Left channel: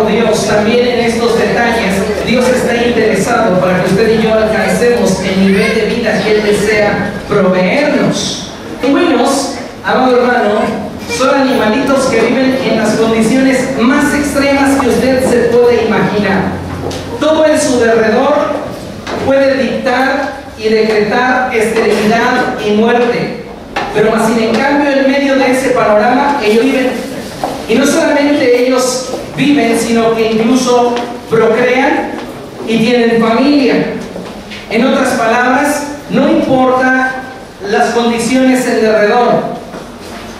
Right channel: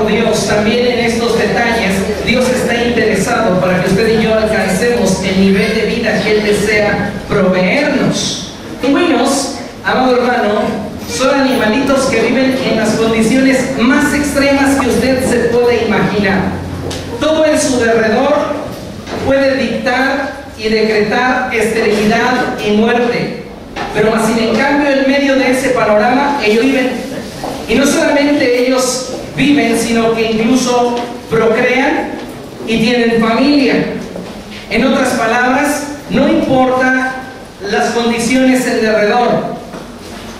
por Dios, también en estos detalles, Dios está interesado para que usted y yo alcancemos el nivel de vida que Él desea proveernos. Pingüinos, amado hermano, son animalitos que viven en las condiciones más extremas que usted se puede imaginar. Todo en su derredor puede dictar y decretar esterilidad y muerte. Pero más sin en cambio, en medio de ese panorama, ellos viven. Y no solamente ellos viven, sino que incluso procrean y tienen familia. En otras palabras, no importa las condiciones en derredor,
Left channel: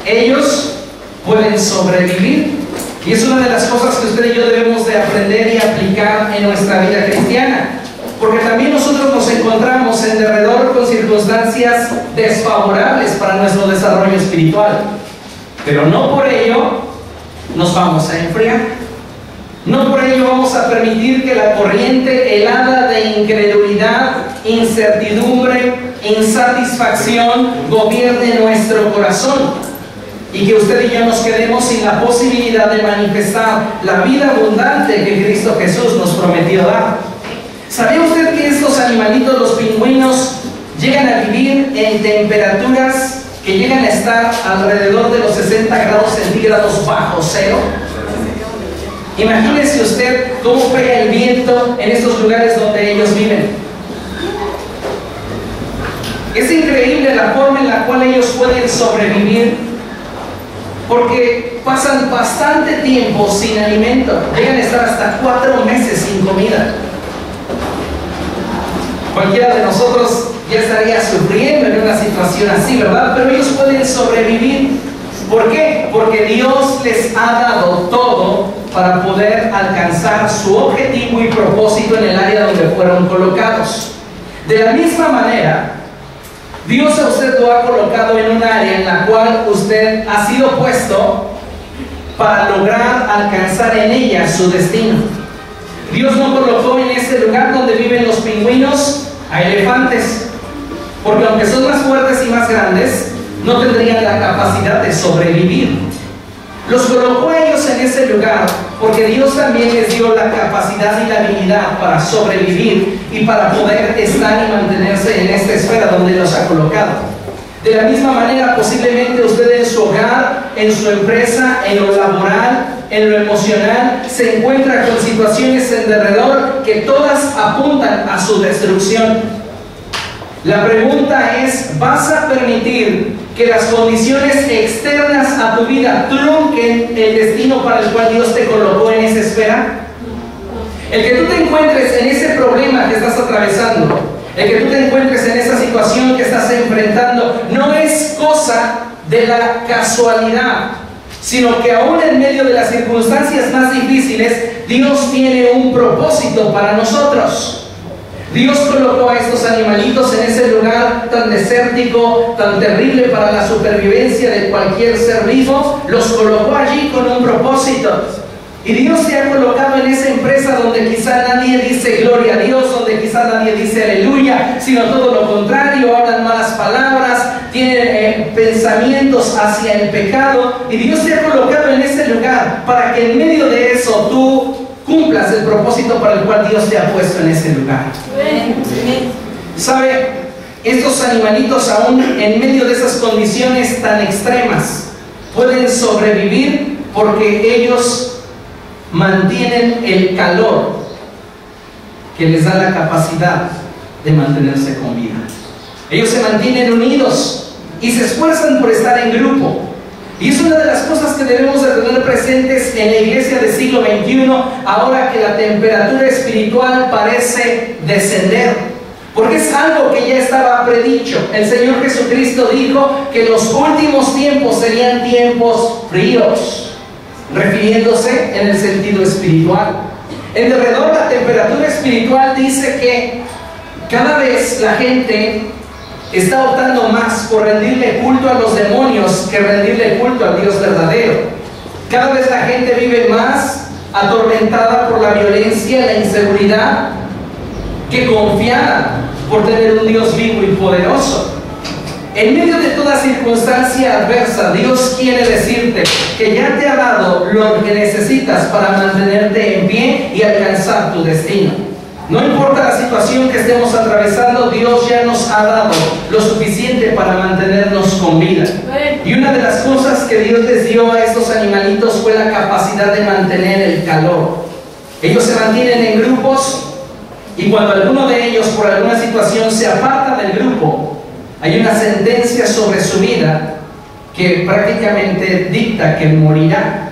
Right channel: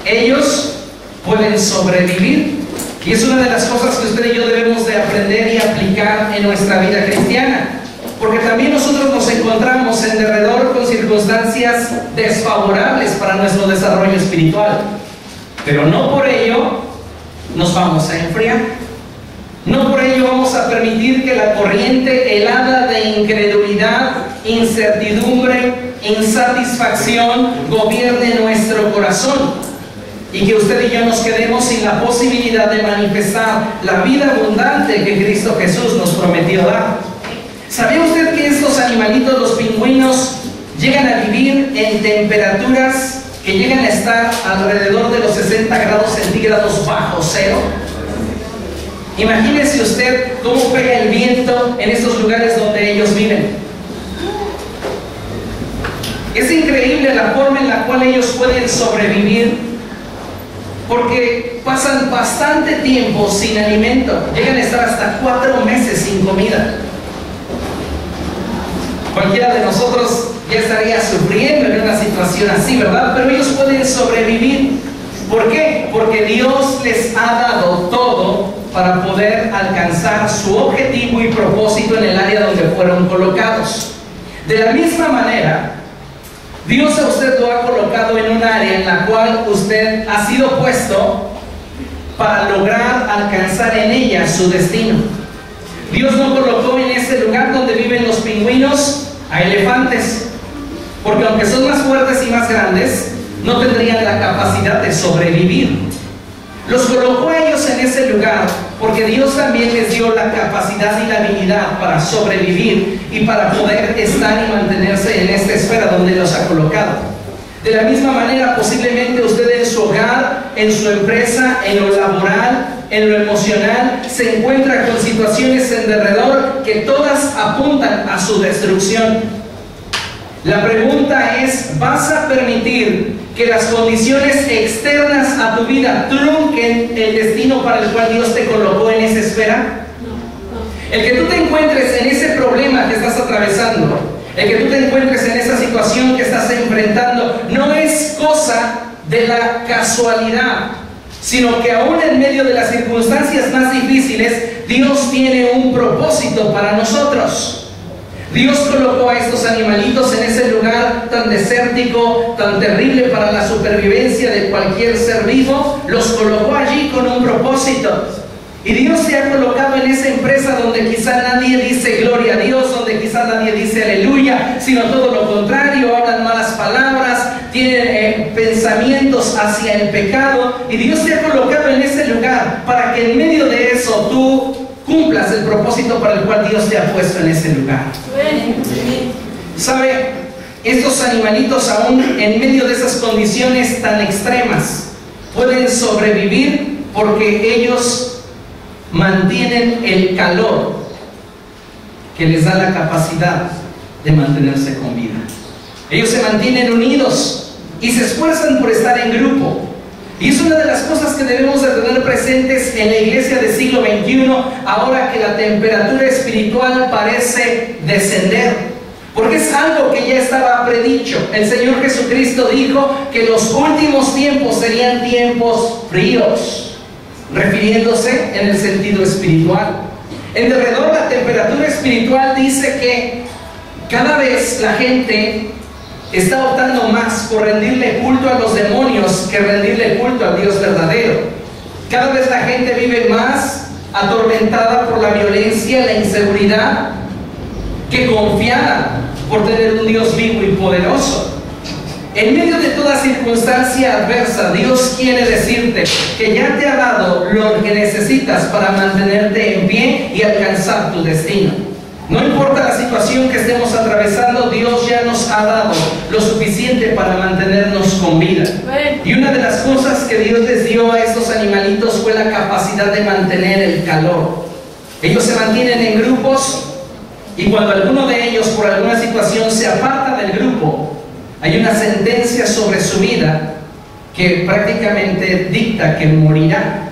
ellos pueden sobrevivir. Y es una de las cosas que usted y yo debemos de aprender y aplicar en nuestra vida cristiana. Porque también nosotros nos encontramos en derredor con circunstancias desfavorables para nuestro desarrollo espiritual. Pero no por ello nos vamos a enfriar. No por ello vamos a permitir que la corriente helada de incredulidad, incertidumbre, insatisfacción gobierne nuestro corazón. Y que usted y yo nos quedemos sin la posibilidad de manifestar la vida abundante que Cristo Jesús nos prometió dar. ¿Sabía usted que estos animalitos, los pingüinos, llegan a vivir en temperaturas que llegan a estar alrededor de los 60 grados centígrados bajo cero? Imagínese usted cómo pega el viento en estos lugares donde ellos viven. Es increíble la forma en la cual ellos pueden sobrevivir, porque pasan bastante tiempo sin alimento. Llegan a estar hasta 4 meses sin comida. Cualquiera de nosotros ya estaría sufriendo en una situación así, ¿verdad? Pero ellos pueden sobrevivir. ¿Por qué? Porque Dios les ha dado todo para poder alcanzar su objetivo y propósito en el área donde fueron colocados. De la misma manera, Dios a usted lo ha colocado en un área en la cual usted ha sido puesto para lograr alcanzar en ella su destino. Dios no colocó en ese lugar donde viven los pingüinos a elefantes, porque aunque son más fuertes y más grandes, no tendrían la capacidad de sobrevivir. Los colocó a ellos en ese lugar porque Dios también les dio la capacidad y la habilidad para sobrevivir y para poder estar y mantenerse en esta esfera donde los ha colocado. De la misma manera, posiblemente usted en su hogar, en su empresa, en lo laboral, en lo emocional, se encuentra con situaciones en derredor que todas apuntan a su destrucción. La pregunta es, ¿vas a permitir que las condiciones externas a tu vida trunquen el destino para el cual Dios te colocó en esa esfera? El que tú te encuentres en ese problema que estás atravesando, el que tú te encuentres en esa situación que estás enfrentando, no es cosa de la casualidad, sino que aún en medio de las circunstancias más difíciles, Dios tiene un propósito para nosotros. Dios colocó a estos animalitos en ese lugar tan desértico, tan terrible para la supervivencia de cualquier ser vivo. Los colocó allí con un propósito. Y Dios te ha colocado en esa empresa donde quizá nadie dice gloria a Dios, donde quizá nadie dice aleluya, sino todo lo contrario, hablan malas palabras, tienen pensamientos hacia el pecado. Y Dios te ha colocado en ese lugar para que en medio de eso tú cumplas el propósito para el cual Dios te ha puesto en ese lugar. ¿Sabe? Estos animalitos aún en medio de esas condiciones tan extremas pueden sobrevivir porque ellos mantienen el calor que les da la capacidad de mantenerse con vida. Ellos se mantienen unidos y se esfuerzan por estar en grupo. Y es una de las cosas que debemos de tener presentes en la iglesia del siglo XXI, ahora que la temperatura espiritual parece descender. Porque es algo que ya estaba predicho. El Señor Jesucristo dijo que los últimos tiempos serían tiempos fríos, refiriéndose en el sentido espiritual. En derredor, la temperatura espiritual dice que cada vez la gente está optando más por rendirle culto a los demonios que rendirle culto al Dios verdadero. Cada vez la gente vive más atormentada por la violencia, la inseguridad, que confiada por tener un Dios vivo y poderoso. En medio de toda circunstancia adversa, Dios quiere decirte que ya te ha dado lo que necesitas para mantenerte en pie y alcanzar tu destino. No importa la situación que estemos atravesando, Dios ya nos ha dado lo suficiente para mantenernos con vida. Y una de las cosas que Dios les dio a estos animalitos fue la capacidad de mantener el calor. Ellos se mantienen en grupos y cuando alguno de ellos por alguna situación se aparta del grupo, hay una sentencia sobre su vida que prácticamente dicta que morirá,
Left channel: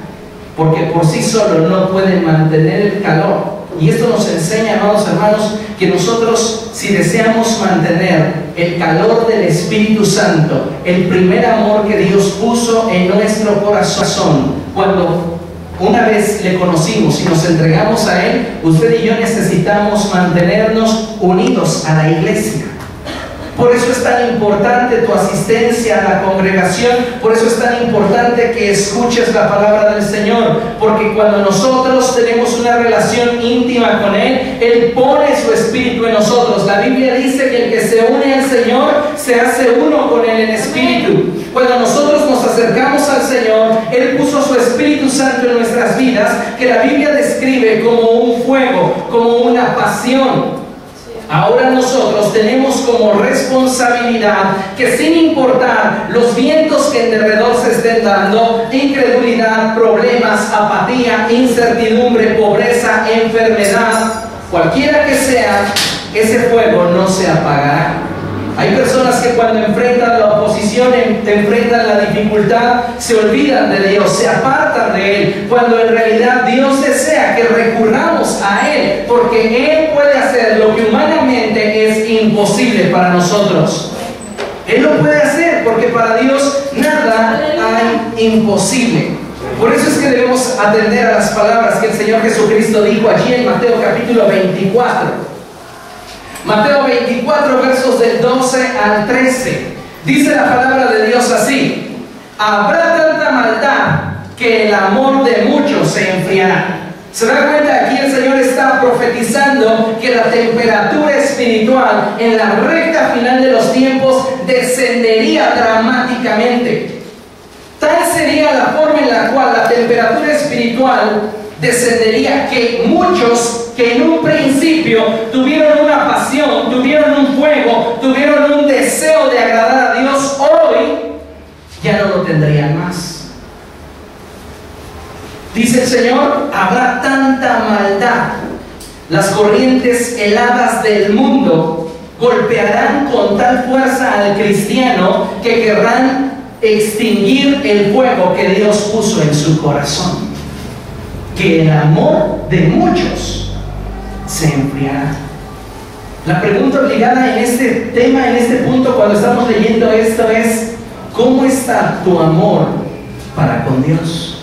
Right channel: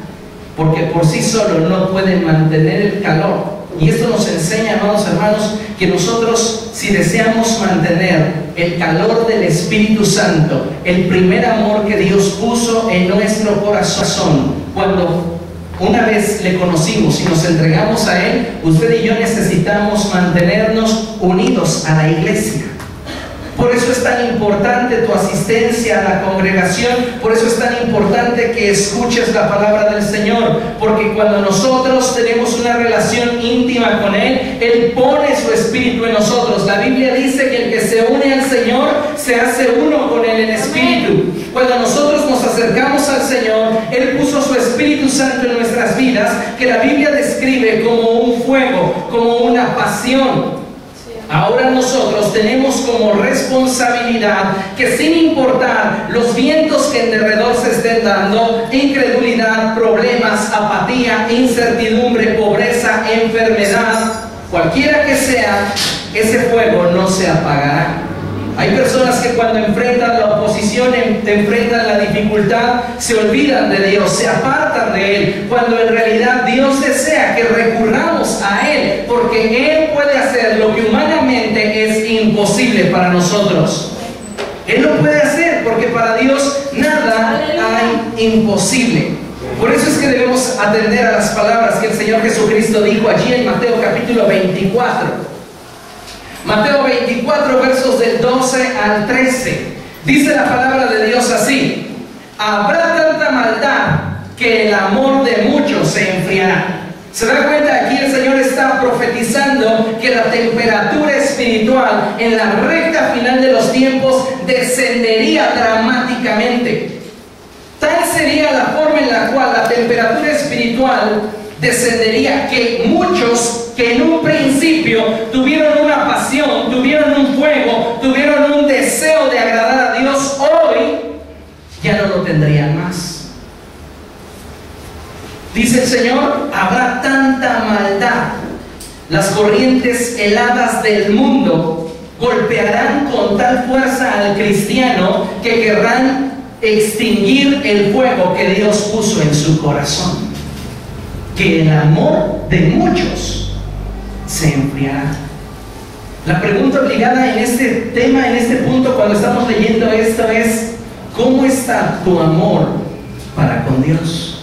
porque por sí solo no pueden mantener el calor. Y esto nos enseña, amados hermanos, que nosotros, si deseamos mantener el calor del Espíritu Santo, el primer amor que Dios puso en nuestro corazón, cuando una vez le conocimos y nos entregamos a Él, usted y yo necesitamos mantenernos unidos a la iglesia. Por eso es tan importante tu asistencia a la congregación, por eso es tan importante que escuches la palabra del Señor, porque cuando nosotros tenemos una relación íntima con Él, Él pone su espíritu en nosotros. La Biblia dice que el que se une al Señor se hace uno con Él en espíritu. Cuando nosotros nos acercamos al Señor, Él puso su Espíritu Santo en nuestras vidas, que la Biblia describe como un fuego, como una pasión. Ahora nosotros tenemos como responsabilidad que sin importar los vientos que en derredor se estén dando, incredulidad, problemas, apatía, incertidumbre, pobreza, enfermedad, cualquiera que sea, ese fuego no se apagará. Hay personas que cuando enfrentan la oposición, enfrentan la dificultad, se olvidan de Dios, se apartan de Él, cuando en realidad Dios desea que recurramos a Él, porque Él puede hacer lo que humanamente es imposible para nosotros. Él lo puede hacer, porque para Dios nada hay imposible. Por eso es que debemos atender a las palabras que el Señor Jesucristo dijo allí en Mateo capítulo 24. Mateo 24, versos del 12 al 13. Dice la palabra de Dios así: habrá tanta maldad que el amor de muchos se enfriará. ¿Se da cuenta? Aquí el Señor está profetizando que la temperatura espiritual en la recta final de los tiempos descendería dramáticamente. Tal sería la forma en la cual la temperatura espiritual descendería, que muchos que en un principio tuvieron una pasión, tuvieron un fuego, tuvieron un deseo de agradar a Dios, hoy ya no lo tendrían más. Dice el Señor: habrá tanta maldad, las corrientes heladas del mundo golpearán con tal fuerza al cristiano que querrán extinguir el fuego que Dios puso en su corazón, que el amor de muchos se enfriará. La pregunta obligada en este tema, en este punto, cuando estamos leyendo esto es: ¿cómo está tu amor para con Dios?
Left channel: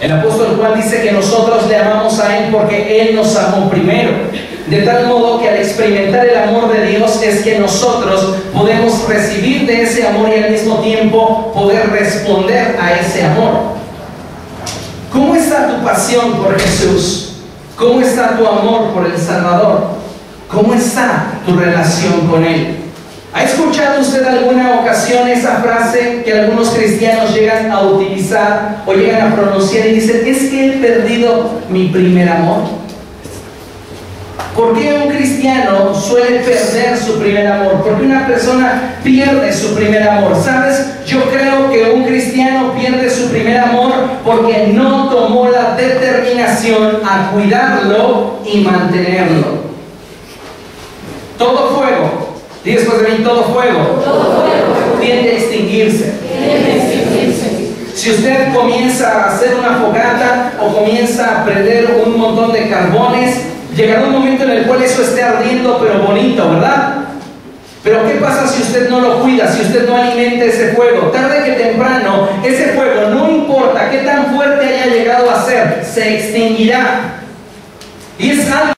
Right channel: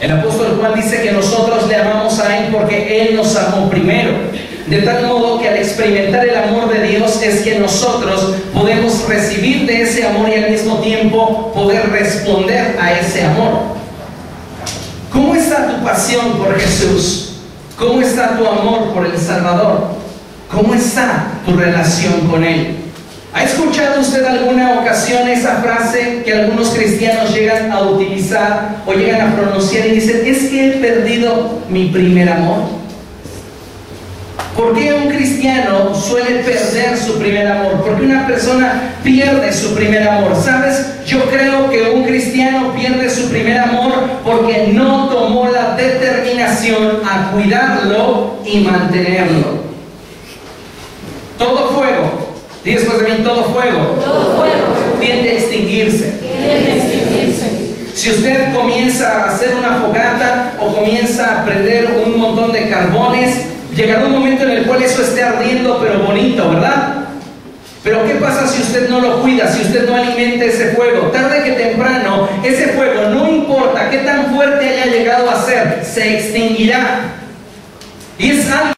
El apóstol Juan dice que nosotros le amamos a Él porque Él nos amó primero. De tal modo que al experimentar el amor de Dios es que nosotros podemos recibir de ese amor y al mismo tiempo poder responder a ese amor. ¿Cómo está tu pasión por Jesús? ¿Cómo está tu amor por el Salvador? ¿Cómo está tu relación con Él? ¿Ha escuchado usted alguna ocasión esa frase que algunos cristianos llegan a utilizar o llegan a pronunciar y dicen: es que he perdido mi primer amor? ¿Por qué un cristiano suele perder su primer amor? ¿Por qué una persona pierde su primer amor? ¿Sabes? Yo creo que un cristiano pierde su primer amor porque no tomó la determinación a cuidarlo y mantenerlo. Todo fuego, di después de mí: todo fuego tiende a extinguirse. Si usted comienza a hacer una fogata o comienza a prender un montón de carbones, llegará un momento en el cual eso esté ardiendo, pero bonito, ¿verdad? Pero ¿qué pasa si usted no lo cuida, si usted no alimenta ese fuego? Tarde que temprano, ese fuego, no importa qué tan fuerte haya llegado a ser, se extinguirá. Y es algo